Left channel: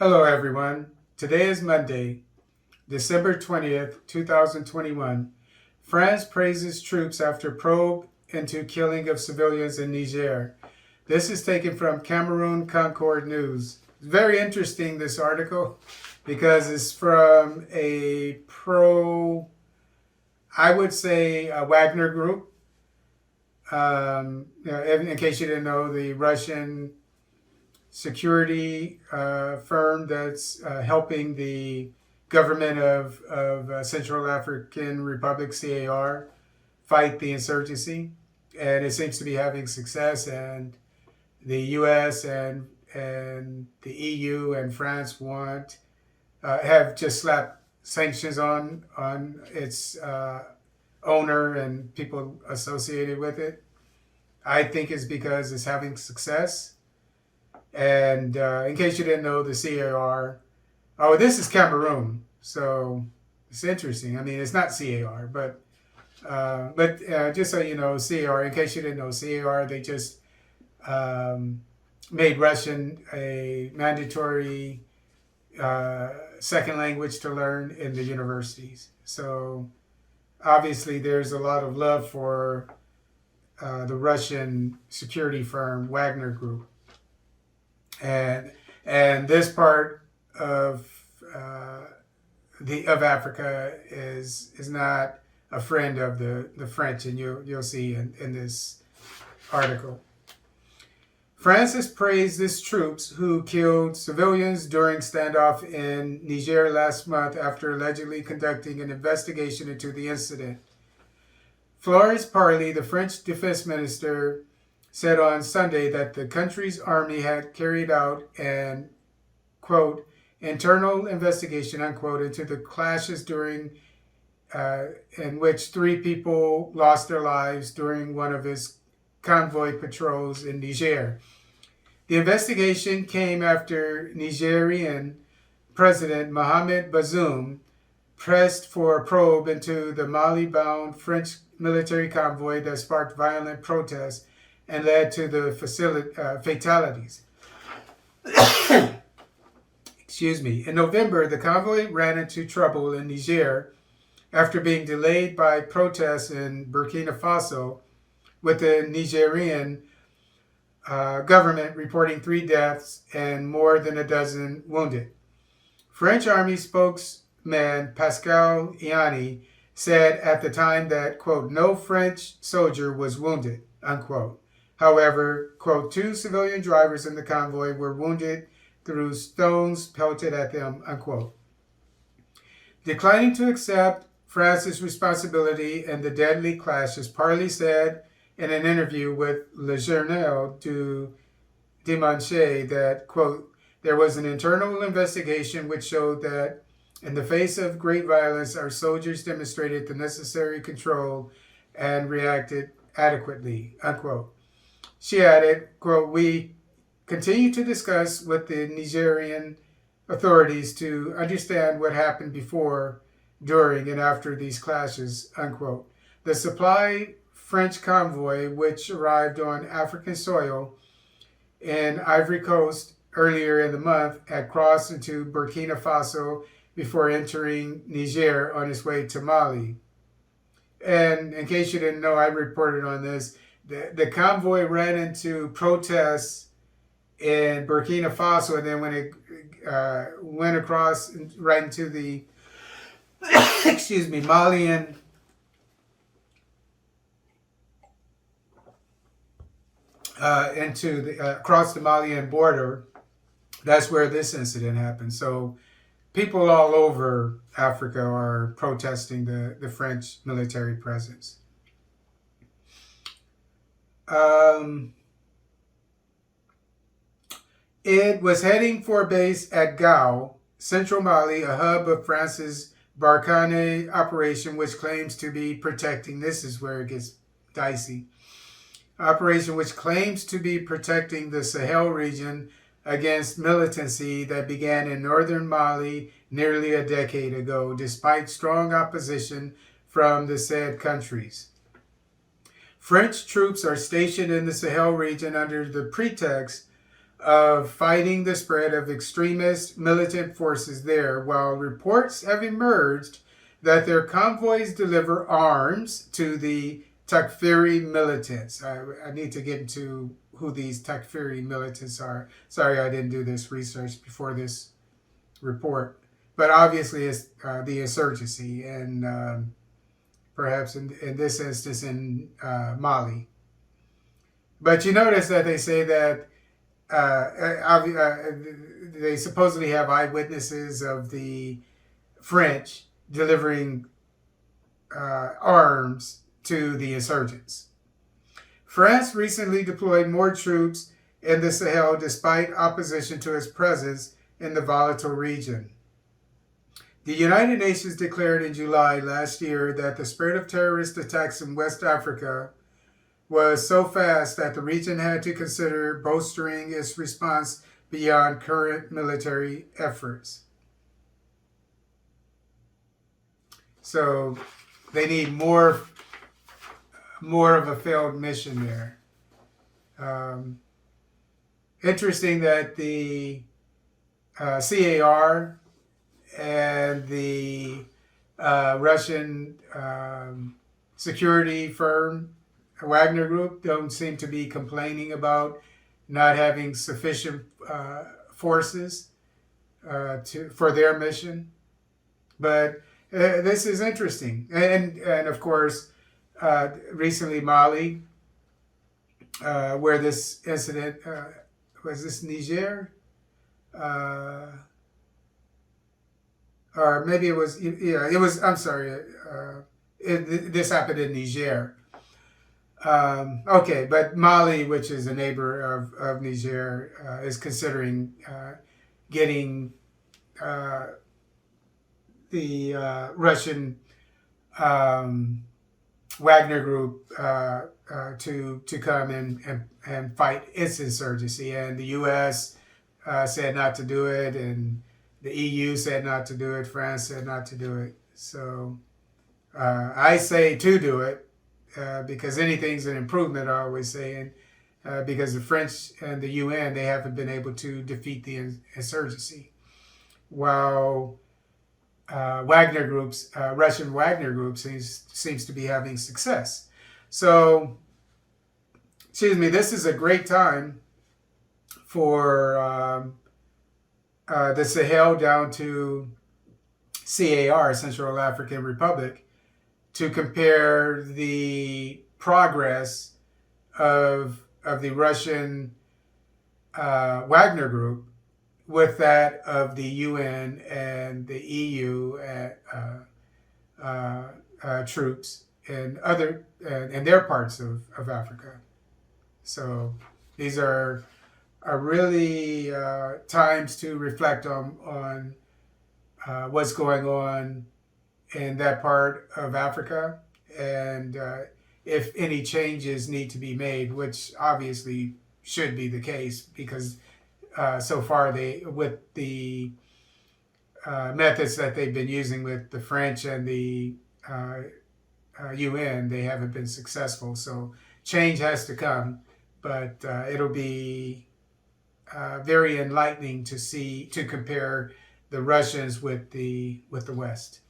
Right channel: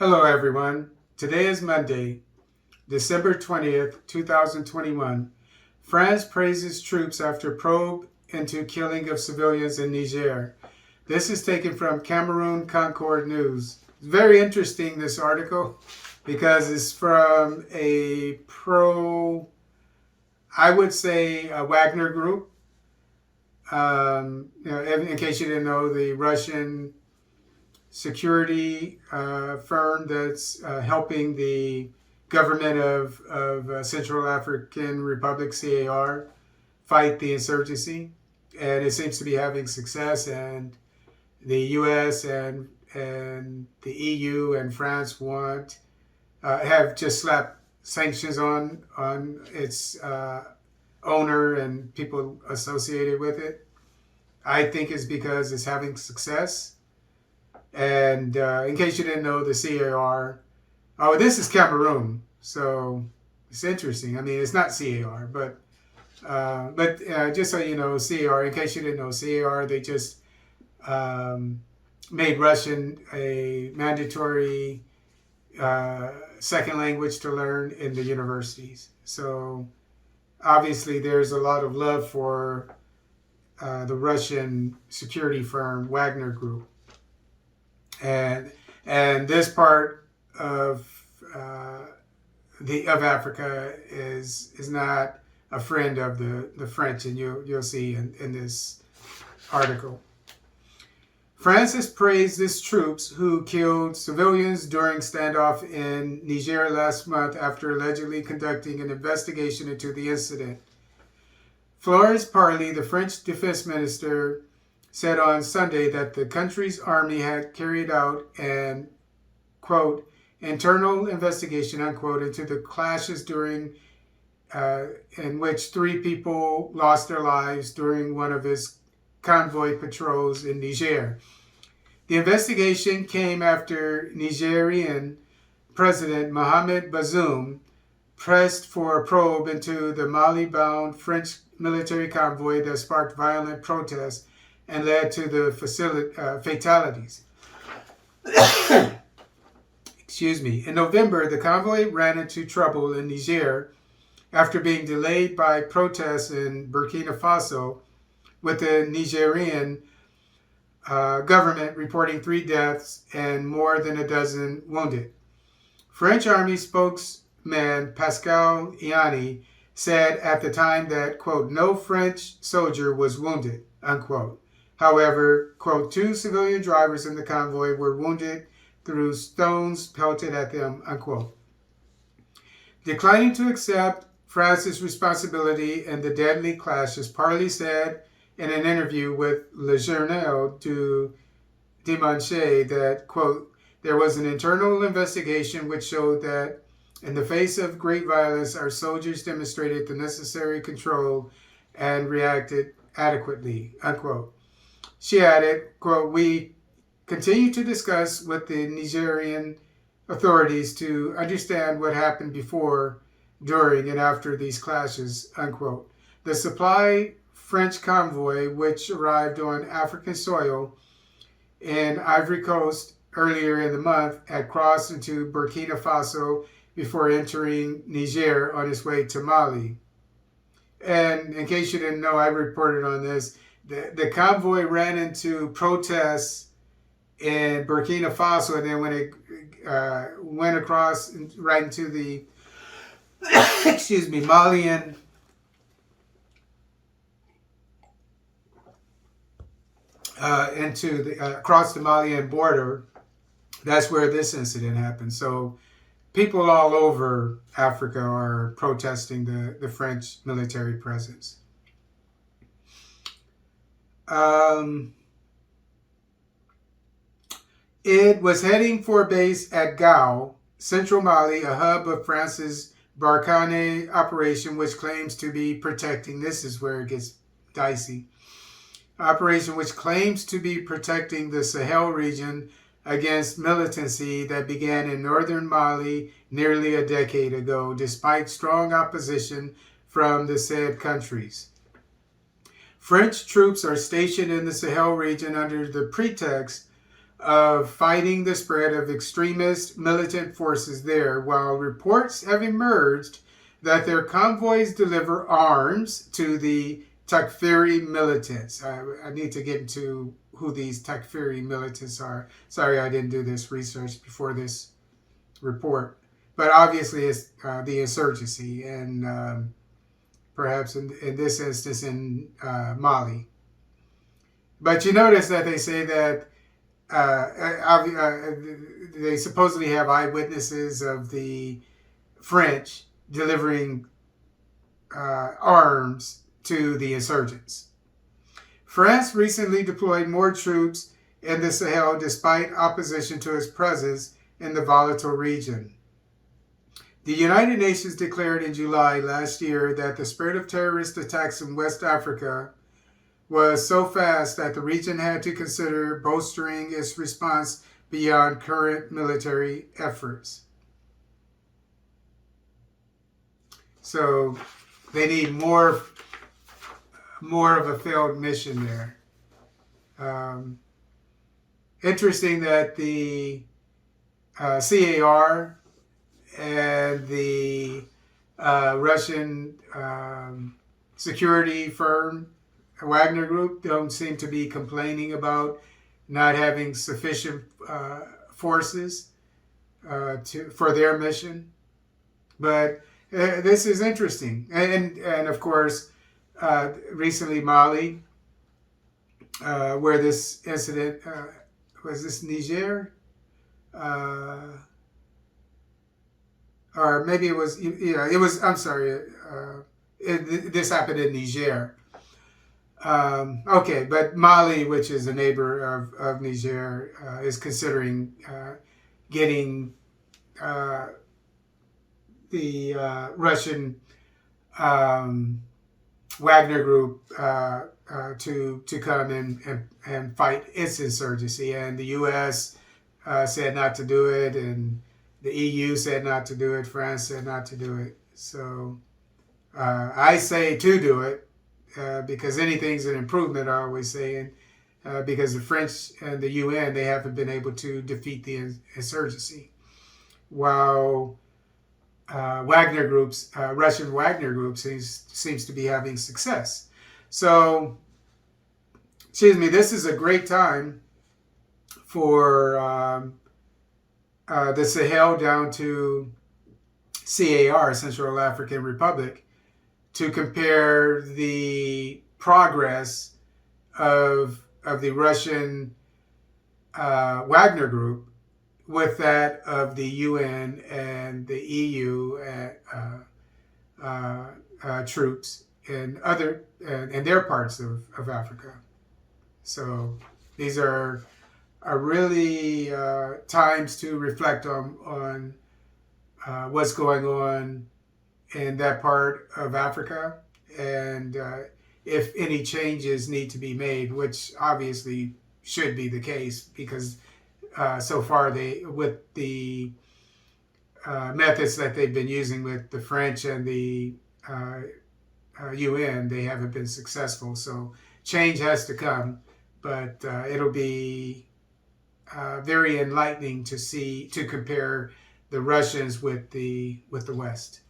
Hello, everyone. Today is Monday, December 20th, 2021. France praises troops after probe into killing of civilians in Niger. This is taken from Cameroon Concord News. It's very interesting, this article, because it's from a I would say, a Wagner group. In case you didn't know, the Russian security firm that's helping the government of Central African Republic, CAR, fight the insurgency. And it seems to be having success. And the US and the EU and France have just slapped sanctions on its owner and people associated with it. I think it's because it's having success. And in case you didn't know, the CAR, oh, this is Cameroon, so it's interesting. I mean, it's not CAR, but just so you know, CAR, in case you didn't know, CAR, they just made Russian a mandatory second language to learn in the universities. So obviously there's a lot of love for the Russian security firm Wagner Group. And this part of of Africa is not a friend of the French, and you'll see in this article. France has praised its troops who killed civilians during standoff in Niger last month after allegedly conducting an investigation into the incident. Florence Parly, the French defense minister, said on Sunday that the country's army had carried out an, quote, internal investigation, unquote, into the clashes during in which 3 people lost their lives during one of its convoy patrols in Niger. The investigation came after Nigerian President Mohamed Bazoum pressed for a probe into the Mali-bound French military convoy that sparked violent protests and led to the fatalities. Excuse me. In November, the convoy ran into trouble in Niger after being delayed by protests in Burkina Faso, with the Nigerian government reporting 3 deaths and more than a dozen wounded. French Army spokesman Pascal Iani said at the time that, quote, no French soldier was wounded, unquote. However, quote, 2 civilian drivers in the convoy were wounded through stones pelted at them, unquote. Declining to accept France's responsibility in the deadly clashes, Parly said in an interview with Le Journal du Dimanche that, quote, there was an internal investigation which showed that in the face of great violence, our soldiers demonstrated the necessary control and reacted adequately, unquote. She added, quote, we continue to discuss with the Nigerian authorities to understand what happened before, during, and after these clashes, unquote. The supply French convoy, which arrived on African soil in Ivory Coast earlier in the month, had crossed into Burkina Faso before entering Niger on its way to Mali. And in case you didn't know, I reported on this. The convoy ran into protests in Burkina Faso, and then when it went across right into the excuse me, Malian across the Malian border, that's where this incident happened. So people all over Africa are protesting the French military presence. It was heading for base at Gao, central Mali, a hub of France's Barkhane operation, which claims to be protecting, this is where it gets dicey, operation which claims to be protecting the Sahel region against militancy that began in northern Mali nearly a decade ago, despite strong opposition from the said countries. French troops are stationed in the Sahel region under the pretext of fighting the spread of extremist militant forces there, while reports have emerged that their convoys deliver arms to the Takfiri militants. I need to get into who these Takfiri militants are. Sorry, I didn't do this research before this report. But obviously, it's the insurgency, and perhaps in this instance in Mali. But you notice that they say that they supposedly have eyewitnesses of the French delivering arms to the insurgents. France recently deployed more troops in the Sahel despite opposition to its presence in the volatile region. The United Nations declared in July last year that the spread of terrorist attacks in West Africa was so fast that the region had to consider bolstering its response beyond current military efforts. So they need more of a failed mission there. Interesting that the CAR and the Russian security firm Wagner Group don't seem to be complaining about not having sufficient forces for their mission. But this is interesting. And of course, recently Mali, where this incident, was this Niger? Or maybe it was, I'm sorry, this happened in Niger. Okay, but Mali, which is a neighbor of Niger, is considering getting the Russian Wagner Group to come and fight its insurgency. And the U.S. Said not to do it, and the EU said not to do it, France said not to do it. So I say to do it. Because anything's an improvement, I always say, because the French and the UN, they haven't been able to defeat the insurgency, while Wagner groups, Russian Wagner groups, seems to be having success. So, this is a great time for the Sahel down to CAR, Central African Republic, to compare the progress of the Russian Wagner Group with that of the UN and the EU troops and their parts of Africa. So these are really times to reflect on what's going on in that part of Africa, and if any changes need to be made, which obviously should be the case, because so far with the methods that they've been using with the French and the UN, they haven't been successful. So change has to come, but it'll be very enlightening to compare the Russians with the West.